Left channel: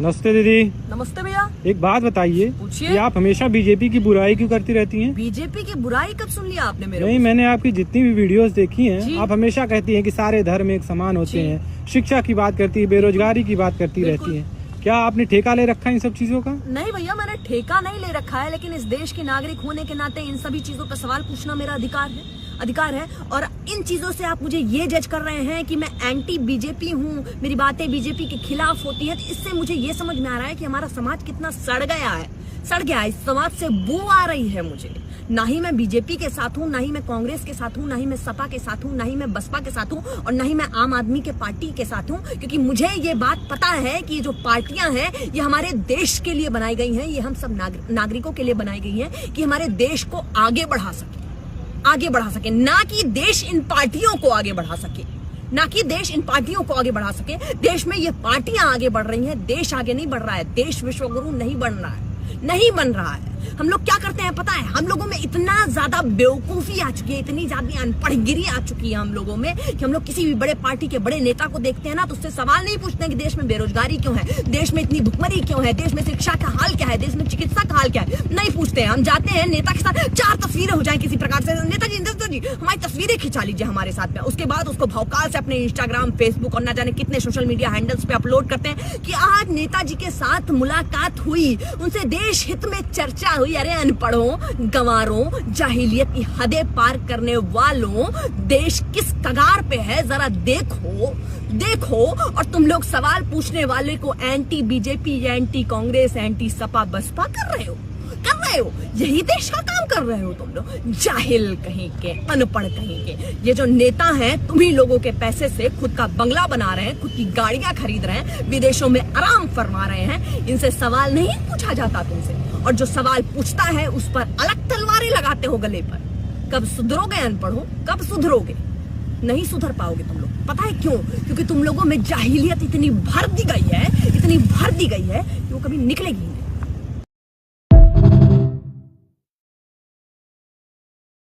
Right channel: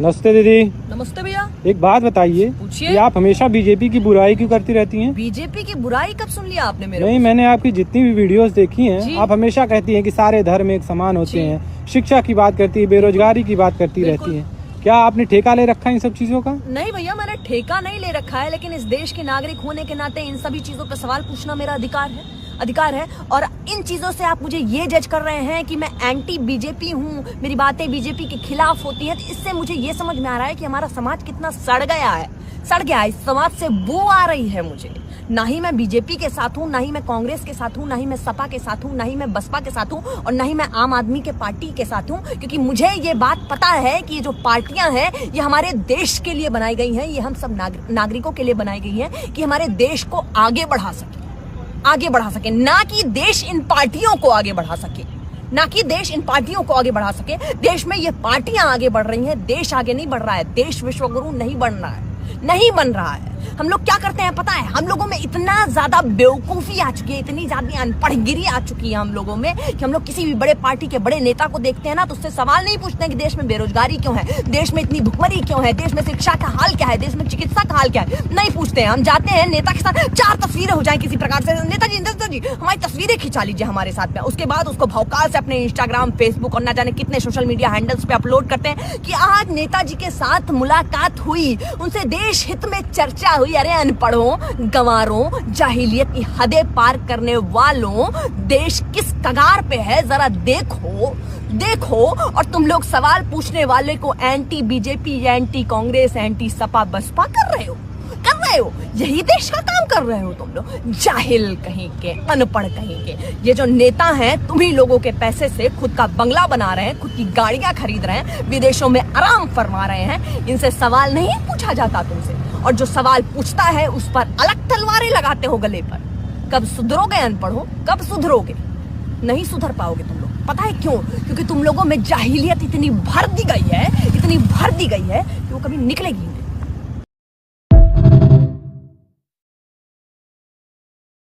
नमस्ते दीदी। नमस्ते भैया। एक बात बताइए, पूछिए। कि आप हमेशा बीजेपी की बुराई क्यों करती रहती हैं? बीजेपी की बुराई कब सुन लिया आपने मेरे नहीं, को? मैंने आपकी जितनी भी वीडियोस देखी जी। हैं, आप हमेशा कहती हैं कि सारे धर्म एक समान होते जी। हैं, शिक्षा की बात करती है, बेरोजगारी की बात करती रहती है। क्या आपने ठेका ले रखा है इन सब चीजों का? नहीं भैया, मैंने ठेका नहीं ले रखा है, लेकिन इस देश के नागरिक होने के नाते इन सभी चीजों पर सवाल पूछना मेरा अधिकार है। और इन चीजों से आप मुझे ये जज कर रहे हैं कि मैं एंटी बीजेपी हूँ, मेरी बातें बीजेपी के खिलाफ होती हैं, तो इससे मुझे ये समझ में आ रहा है कि हमारा समाज कितना सड़ गया है। इस समाज से बू आ रही है मुझे। ना ही मैं बीजेपी के साथ हूँ, ना ही मैं कांग्रेस के साथ हूँ, ना ही मैं सपा के साथ हूँ, ना ही मैं बसपा के साथ हूँ, और ना ही मैं आम आदमी के पार्टी के साथ हूँ, क्योंकि मुझे ये बात पता है कि ये जो पार्टियां हैं ये हमारे देश के लिए बनाई गई हैं, ये हम सब नागरिकों के लिए बनाई गई हैं कि हमारे देश को आगे बढ़ा सके, ना कि देश इन पार्टियों को आगे बढ़ा सके, देश में ये पार्टियां आगे बढ़ रही हैं, देश आगे नहीं बढ़ रहा है, देश विश्वगुरु नहीं बन रहा है। हम लोग क्या करते हैं पता है? हम लोगों में इतना ज्यादा बेवकूफी आ चुकी है, इतनी ज्यादा अनपढ़गिरी आ चुकी है हम लोगों में, कि हम लोग किसी भी बड़े पार्टी के बड़े नेता को देखते हैं ना, तो उससे सवाल नहीं पूछते हैं कि देश में बेरोजगारी क्यों है, देश में इतनी भुखमरी क्यों है, देश में शिक्षा का हाल क्या है, देश में चिकित्सा का हाल क्या है, नहीं पूछते हैं। हम जाते हैं नेता के साथ, 4 तस्वीरें हो जाए किसी प्रकार से, नेताजी हमारी तस्वीरें खिंचा लीजिए हमारे साथ में, उसके बाद उसको भौकाल से अपने इंस्टाग्राम, फेसबुक और ना जाने कितने सोशल मीडिया हैंडल्स पे अपलोड करते हैं कि आज नेताजी के साथ मुलाकात हुई, उनसे देश हित में चर्चा हुई। अरे अनपढ़ों, गंवारों, जाहिलियत की हदें पार करने वालों, देश किस कगार पे है जरा देखो। और तुम लोग सवाल पूछने वाले को anti BJP, anti Congress, anti SP BSP कर रहे हो। यही देश का काम कर रहे हो तुम लोग, जाहिल कहीं के, अनपढ़ कहीं के। ये जो नेता हैं, तुम्ही लोगों के पैसे से खुद का बंगला बना रहे हैं, खुद की गाड़ियां खरीद रहे हैं, विदेशों में आराम फरमा रहे हैं, इनसे सवाल नहीं पूछा जाता तुमसे। और जो सवाल पूछता है उस पर अलग तलवारें लगाते हो गले पर। कब सुधरोगे अनपढ़ो, कब सुधरोगे? नहीं सुधर पाओगे तुम लोग। पता है क्यों? क्योंकि तुम लोगों में जाहिलियत इतनी भर दी गई है कि वो कभी निकलेगी नहीं।